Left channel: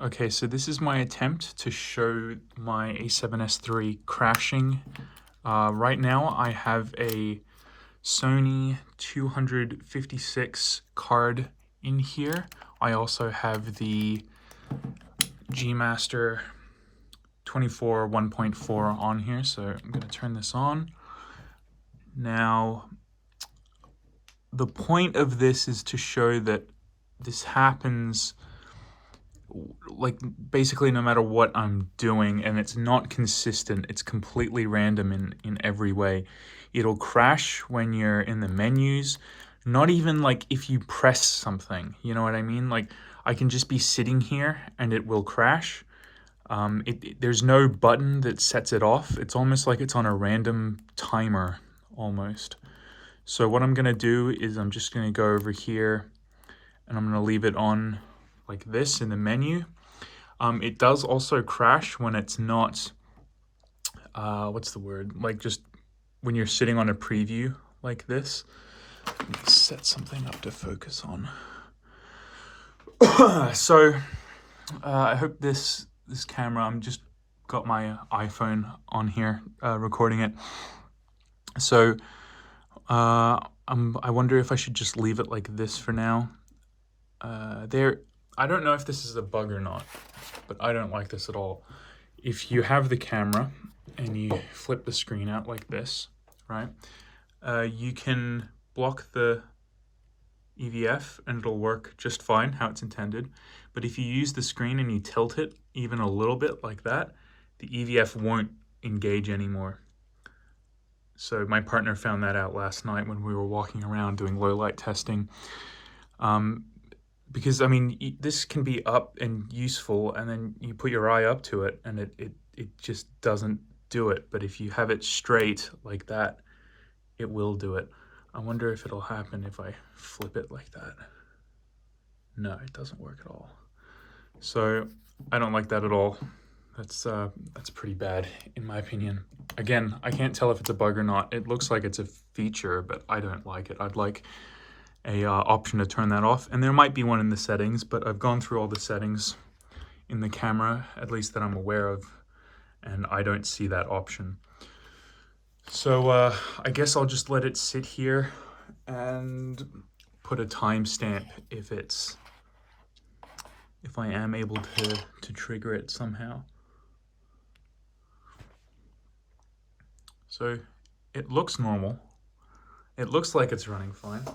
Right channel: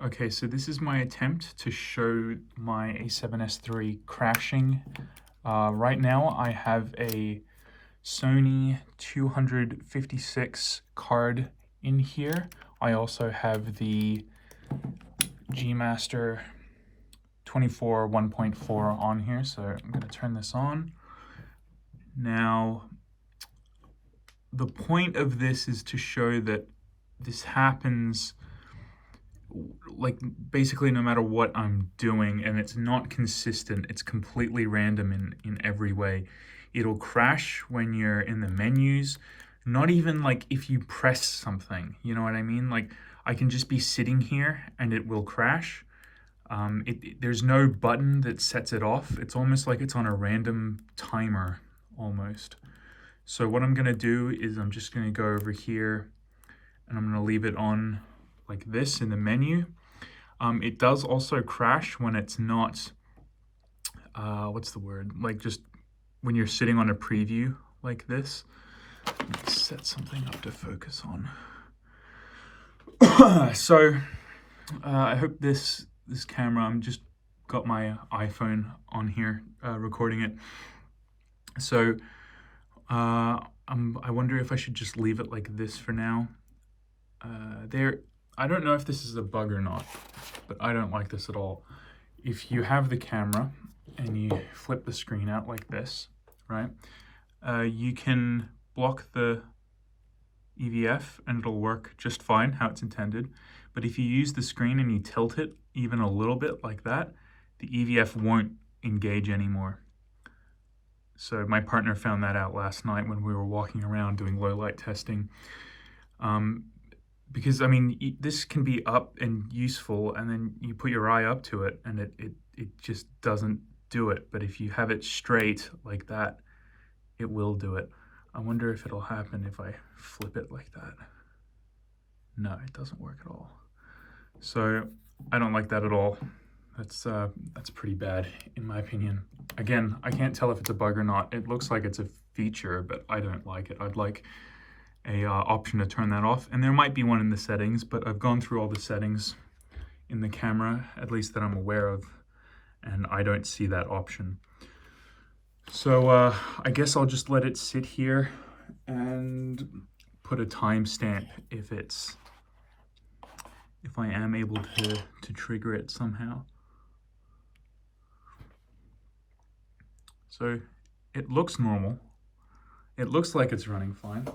Okay, so this is my attempt to show my A7S III crashing. Right now I have a Sony 256 card in here. I also have the G Master to.for 1.4 on here, so I'm going to turn this on. Now, the point of this is to show that this happens like basically no matter what I'm doing, and it's not consistent. It's completely random in every way. It'll crash when you're in the menus, not even like if you press something, you know what I mean? Like I can just be sitting here and it will crash. There's no button that sets it off. It's almost like it's on a random timer almost. So what I'm gonna do is I'm just gonna go over here and I'm gonna leave it on like this in the menu. It does also crash when it's not, what's the word? Like just when you're sitting on a preview like this. Let's set something up to focus on. So I hope this camera, I'm just got my iPhone on here recording it. So I wonder if I should just leave it like this for now. I don't know if this is a bug or not, but I don't like this at all. If you have the camera and you flip the screen out like this, right, you can block the EVF and it'll work just fine how it's intended. But if you use the screen and you tilt it even a little bit like that, the EVF won't engage anymore. So my partner found that out last night when we were walking around doing low light testing. Because, I mean, this can be up and useful, and then you put your eye up to it, and it just doesn't do it. But if you have it straight like that, it will do it. I wonder if it'll happen if I flip it like that. No, it doesn't work at all. So I don't like that at all. That's pretty bad, in my opinion. Again, I can't tell if it's a bug or not. It looks like it's a feature, but I don't like it. I'd like a option to turn that off, and there might be one in the settings, but I've gone through all the settings in the camera, at least that I'm aware of, and I don't see that option. So I guess I'll just let it sit here and put a timestamp if I am able to trigger it somehow. So it looks normal. It looks like it's running fine.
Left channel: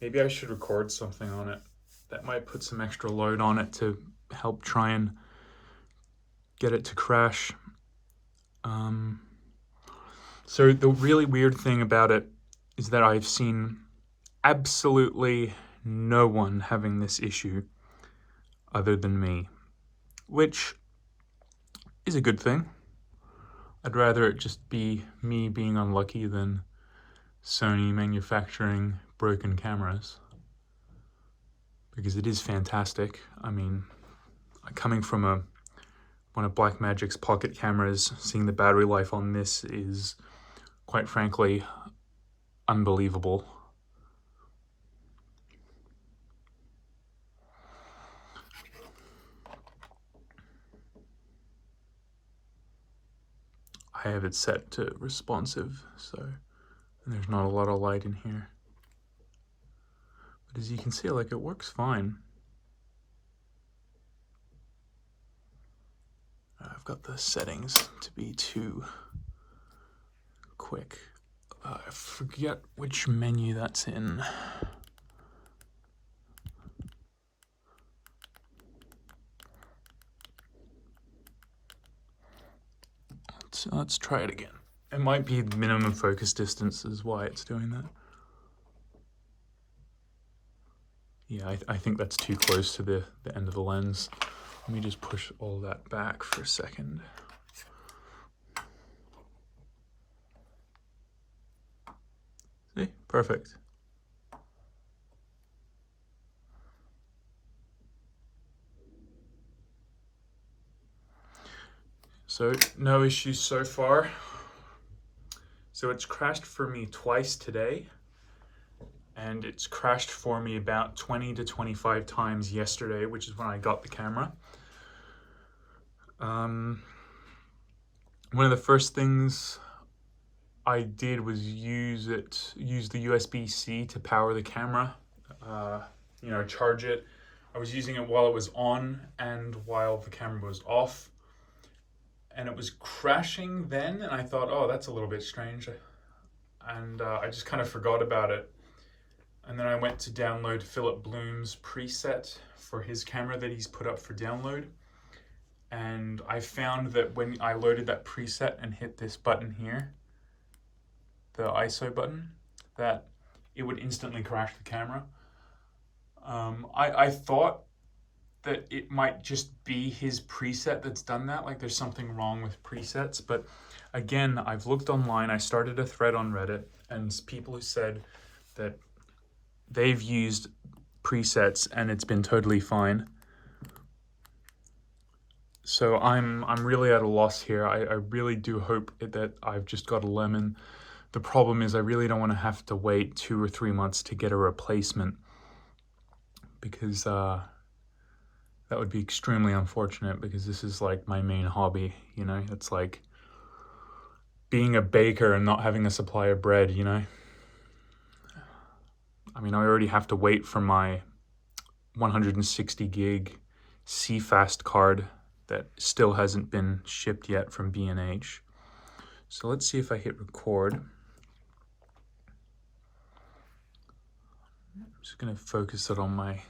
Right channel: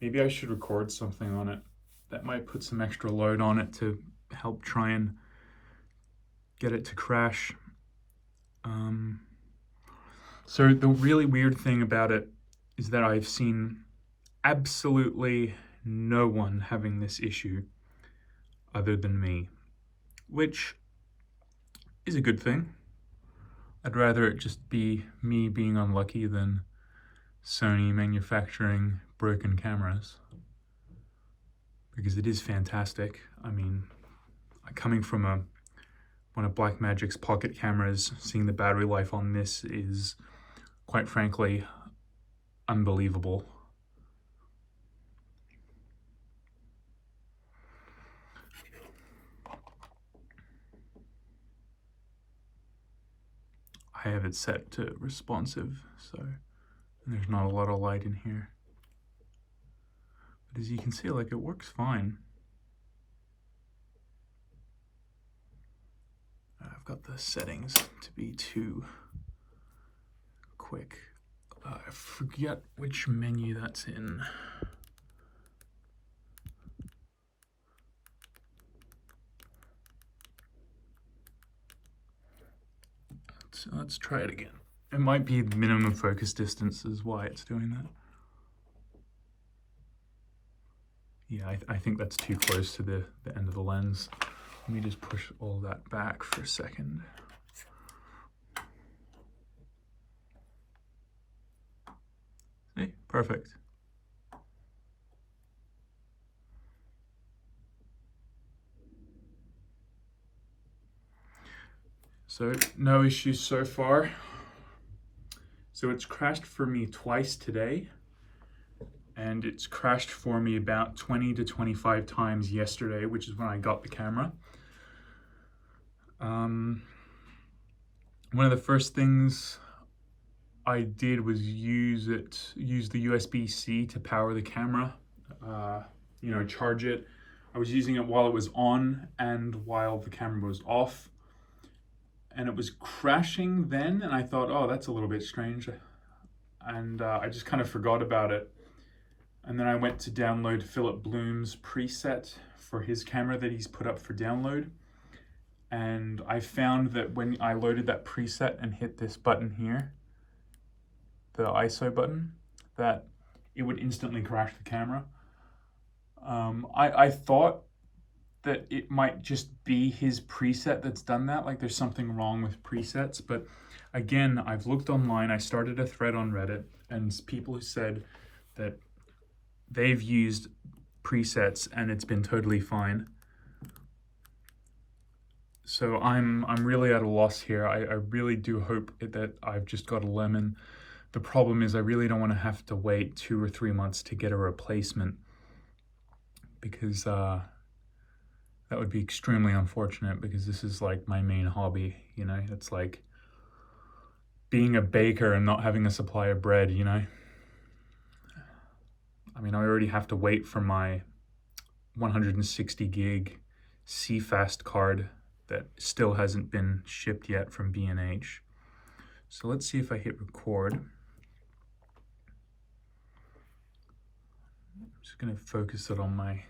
Maybe I should record something on it. That might put some extra load on it to help try and get it to crash. So the really weird thing about it is that I've seen absolutely no one having this issue other than me, which is a good thing. I'd rather it just be me being unlucky than Sony manufacturing broken cameras, because it is fantastic. I mean, coming from one of Blackmagic's pocket cameras, seeing the battery life on this is, quite frankly, unbelievable. I have it set to responsive, so there's not a lot of light in here. But as you can see, like, it works fine. I've got the settings to be too quick. I forget which menu that's in. Let's try it again. It might be minimum focus distance is why it's doing that. Yeah, I think that's too close to the end of the lens. Let me just push all that back for a second. See? Perfect. So no issues so far. So it's crashed for me twice today, and it's crashed for me about 20 to 25 times yesterday, which is when I got the camera. One of the first things I did was use the USB-C to power the camera, charge it. I was using it while it was on and while the camera was off, and it was crashing then, and I thought, oh, that's a little bit strange, and I just kind of forgot about it. And then I went to download Philip Bloom's preset for his camera that he's put up for download, and I found that when I loaded that preset and hit this button here, the ISO button, that it would instantly crash the camera. I thought that it might just be his preset that's done that, like there's something wrong with presets, but again, I've looked online, I started a thread on Reddit, and people who said that they've used presets and it's been totally fine. So I'm really at a loss here. I really do hope that I've just got a lemon. The problem is I really don't want to have to wait 2 or 3 months to get a replacement, because that would be extremely unfortunate, because this is like my main hobby, you know? It's like being a baker and not having a supply of bread, you know? I mean, I already have to wait for my 160 gig CFast card that still hasn't been shipped yet from B&H. So let's see if I hit record. I'm just gonna focus it on my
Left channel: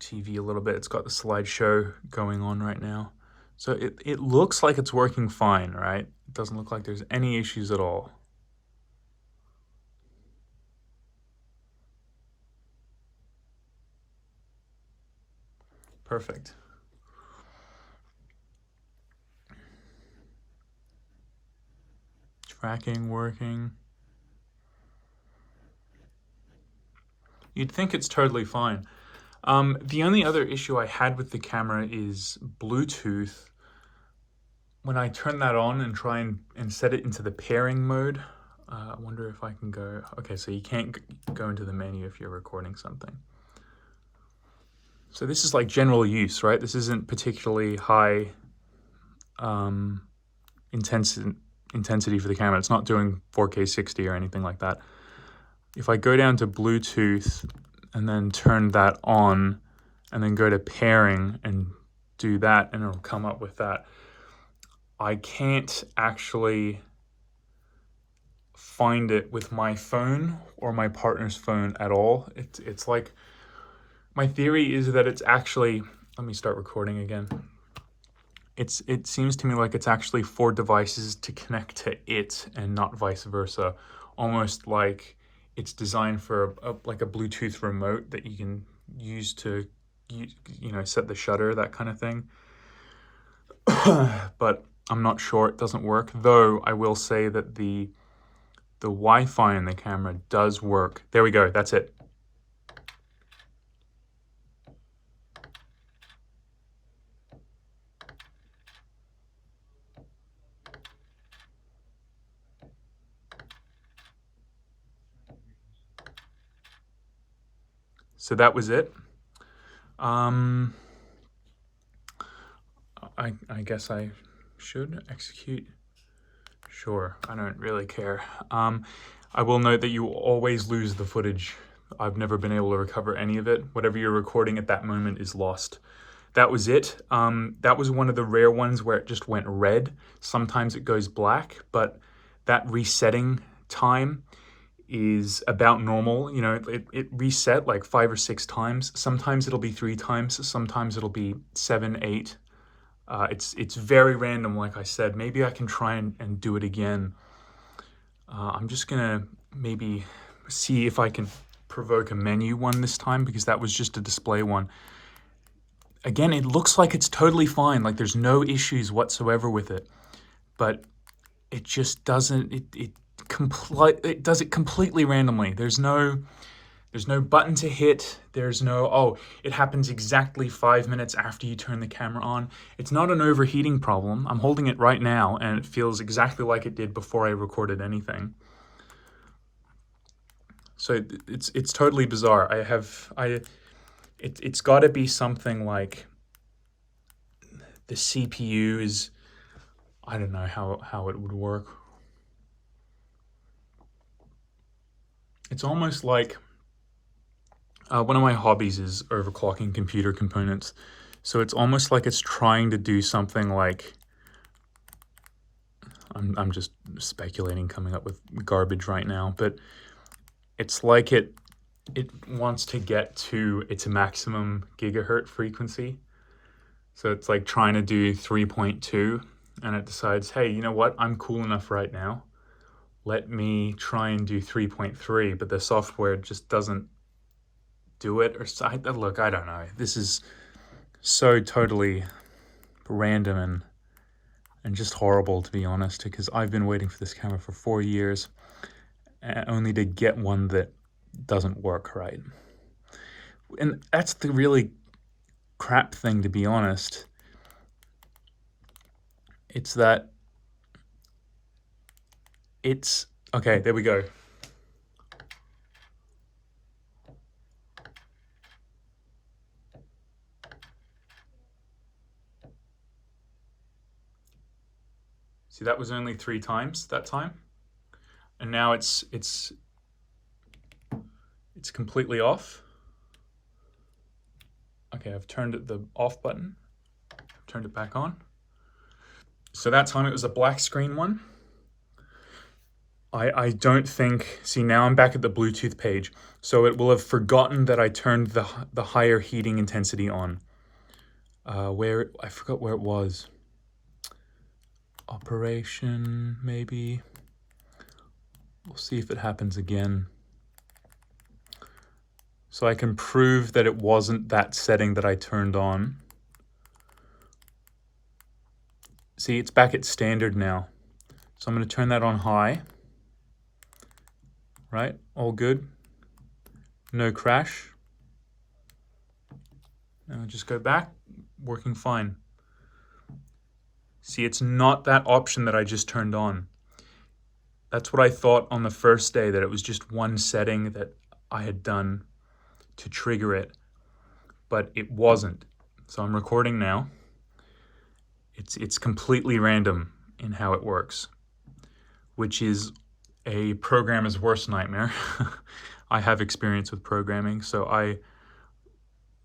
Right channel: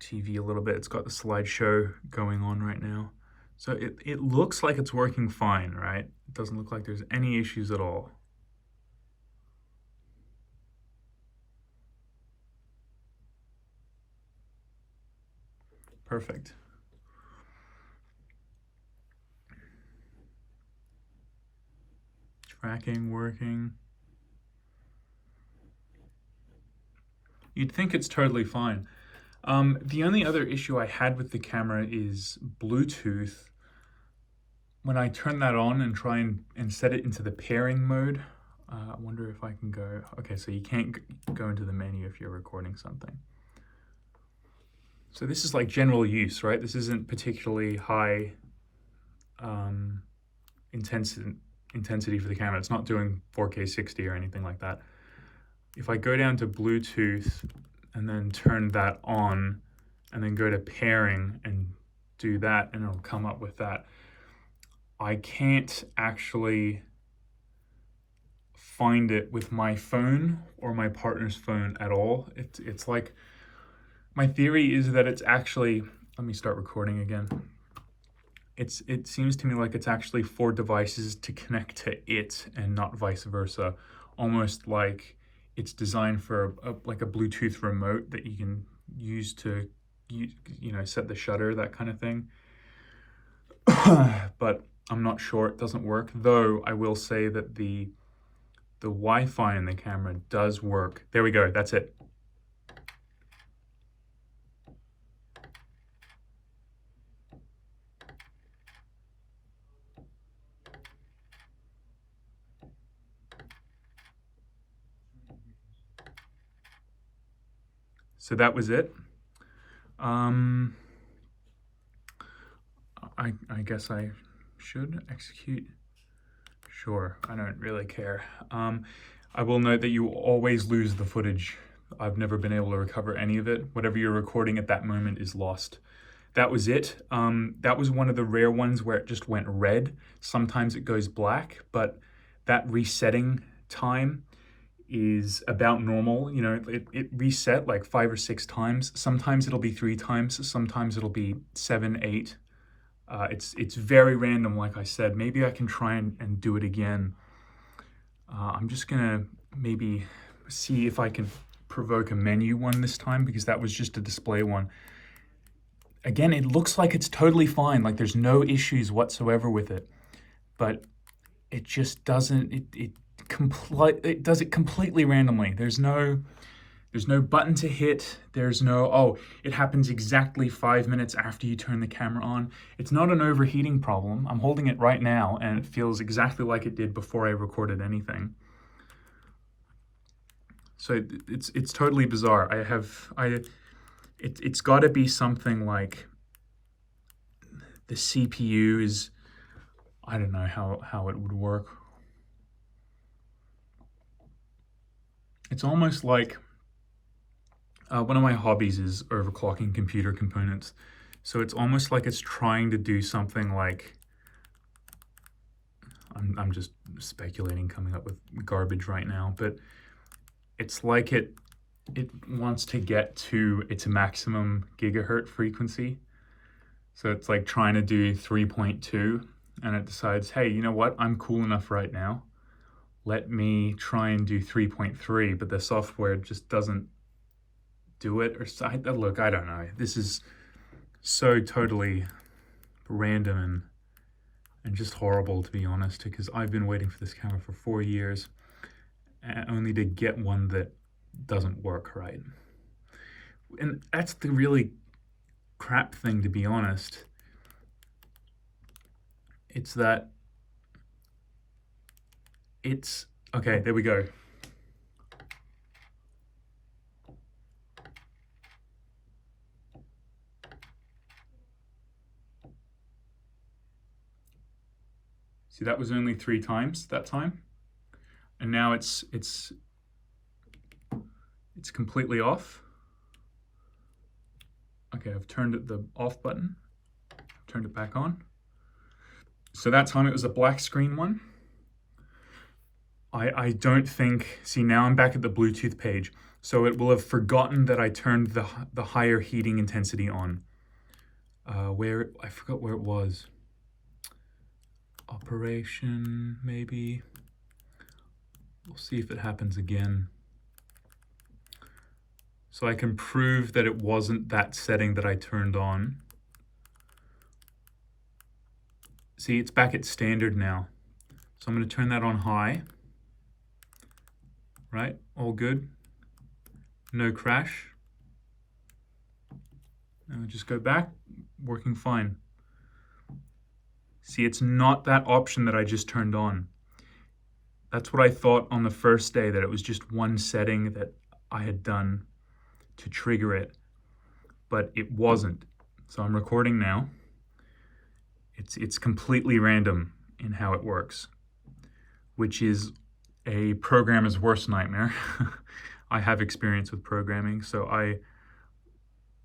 TV a little bit. It's got the slideshow going on right now. So it looks like it's working fine, right? It doesn't look like there's any issues at all. Perfect. Tracking working. You'd think it's totally fine. The only other issue I had with the camera is Bluetooth. When I turn that on and try and set it into the pairing mode, I wonder if I can go, okay, so you can't go into the menu if you're recording something. So this is like general use, right? This isn't particularly high intensity for the camera. It's not doing 4K 60 or anything like that. If I go down to Bluetooth and then turn that on and then go to pairing and do that, and it'll come up with that, I can't actually find it with my phone or my partner's phone at all. It's like, my theory is that it's actually, let me start recording again. It seems to me like it's actually 4 devices to connect to it and not vice versa. Almost like it's designed for like a Bluetooth remote that you can use to, set the shutter, that kind of thing. But I'm not sure, it doesn't work. Though I will say that the Wi-Fi in the camera does work. There we go, that's it. So that was it. I guess I should execute. Sure, I don't really care. I will note that you always lose the footage. I've never been able to recover any of it. Whatever you're recording at that moment is lost. That was it. That was one of the rare ones where it just went red. Sometimes it goes black, but that resetting time is about normal. You know, it reset like 5 or 6 times. Sometimes it'll be 3 times. Sometimes it'll be 7, 8. It's very random, like I said. Maybe I can try and do it again. I'm just gonna maybe see if I can provoke a menu one this time, because that was just a display one. Again, it looks like it's totally fine, like there's no issues whatsoever with it, but it just doesn't, it does it completely randomly. There's no button to hit. There's no, oh, it happens exactly 5 minutes after you turn the camera on. It's not an overheating problem. I'm holding it right now and it feels exactly like it did before I recorded anything. So it's totally bizarre. It's got to be something like the CPU is, I don't know how it would work. It's almost like one of my hobbies is overclocking computer components. So it's almost like it's trying to do something like, I'm just speculating, coming up with garbage right now, but it's like it wants to get to its maximum gigahertz frequency. So it's like trying to do 3.2, and it decides, hey, you know what? I'm cool enough right now. Let me try and do 3.3, but the software just doesn't do it. Or look, I don't know. This is so totally random and just horrible, to be honest, because I've been waiting for this camera for 4 years, only to get one that doesn't work right. And that's the really crap thing, to be honest. It's that it's, okay, there we go. See, that was only 3 times that time. And now it's completely off. Okay, I've turned the off button, turned it back on. So that time it was a black screen one. I don't think, see, now I'm back at the Bluetooth page. So it will have forgotten that I turned the higher heating intensity on. I forgot where it was. Operation, maybe. We'll see if it happens again. So I can prove that it wasn't that setting that I turned on. See, it's back at standard now. So I'm going to turn that on high. Right, all good. No crash. Now just go back, working fine. See, it's not that option that I just turned on. That's what I thought on the first day, that it was just one setting that I had done to trigger it, but it wasn't. So I'm recording now. It's completely random in how it works, which is a programmer's worst nightmare. I have experience with programming, so I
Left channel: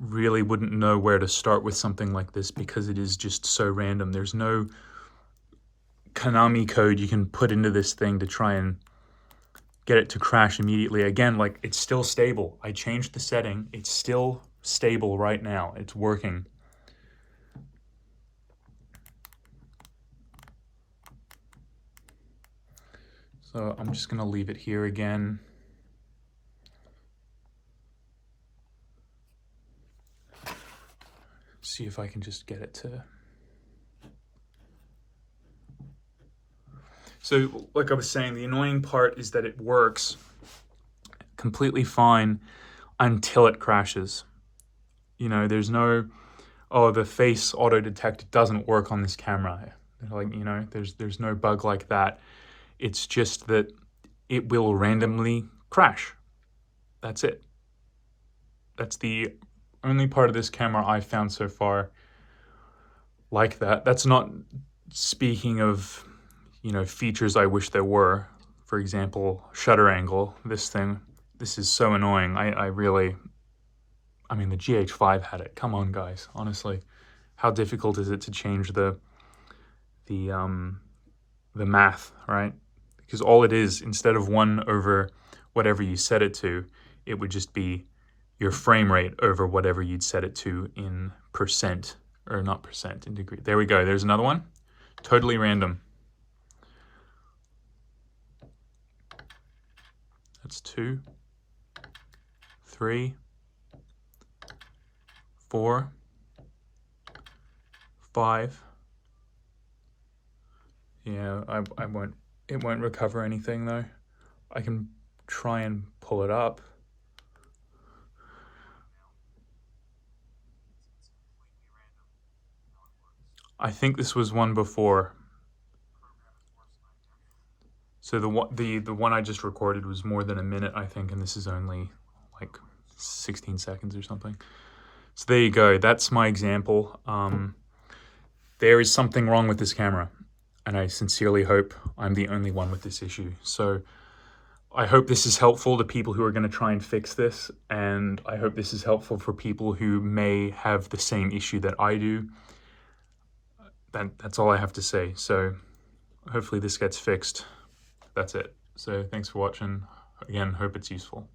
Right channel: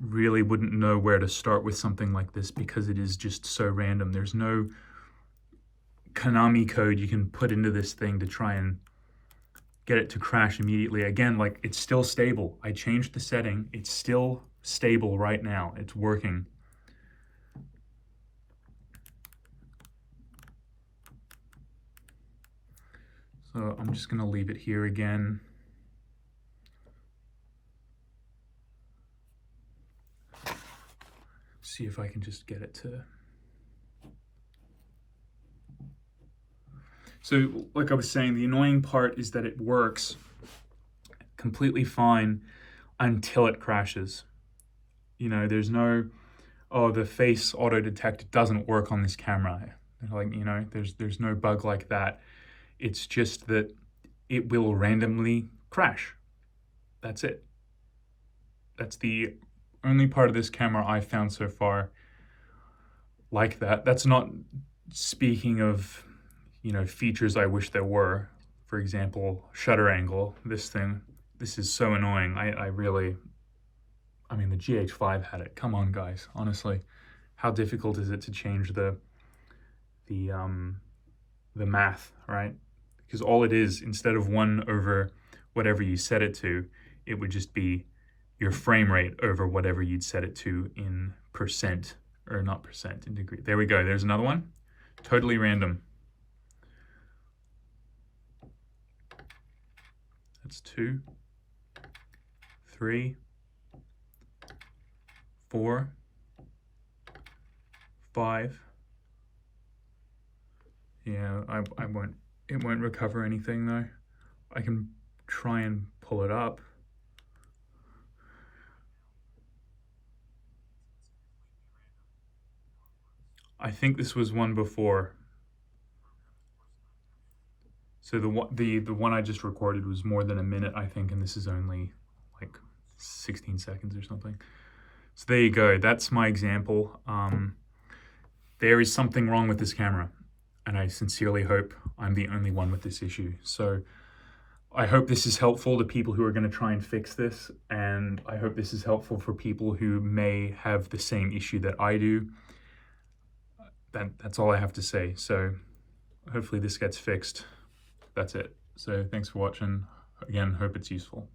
really wouldn't know where to start with something like this because it is just so random. There's no Konami code you can put into this thing to try and get it to crash immediately. Again, like, it's still stable. I changed the setting. It's still stable right now. It's working. So I'm just going to leave it here again. See if I can just get it to... So like I was saying, the annoying part is that it works completely fine until it crashes. You know, there's no, oh, the face auto detect doesn't work on this camera. Like, you know, there's no bug like that. It's just that it will randomly crash. That's it. That's the only part of this camera I've found so far like that. That's not speaking of, you know, features I wish there were. For example, shutter angle. This is so annoying. I mean, the GH5 had it. Come on, guys. Honestly, how difficult is it to change the math, right? Because all it is, instead of 1 over whatever you set it to, it would just be your frame rate over whatever you'd set it to in percent, or not percent, in degree. There we go. There's another one. Totally random. That's 2, 3, 4, 5. Yeah, it won't recover anything though. I can try and pull it up. I think this was one before. So the one I just recorded was more than a minute, I think, and this is only like 16 seconds or something. So there you go. That's my example. there is something wrong with this camera, and I sincerely hope I'm the only one with this issue. So I hope this is helpful to people who are going to try and fix this, and I hope this is helpful for people who may have the same issue that I do. That's all I have to say. So hopefully this gets fixed. That's it. So thanks for watching. Again, hope it's useful.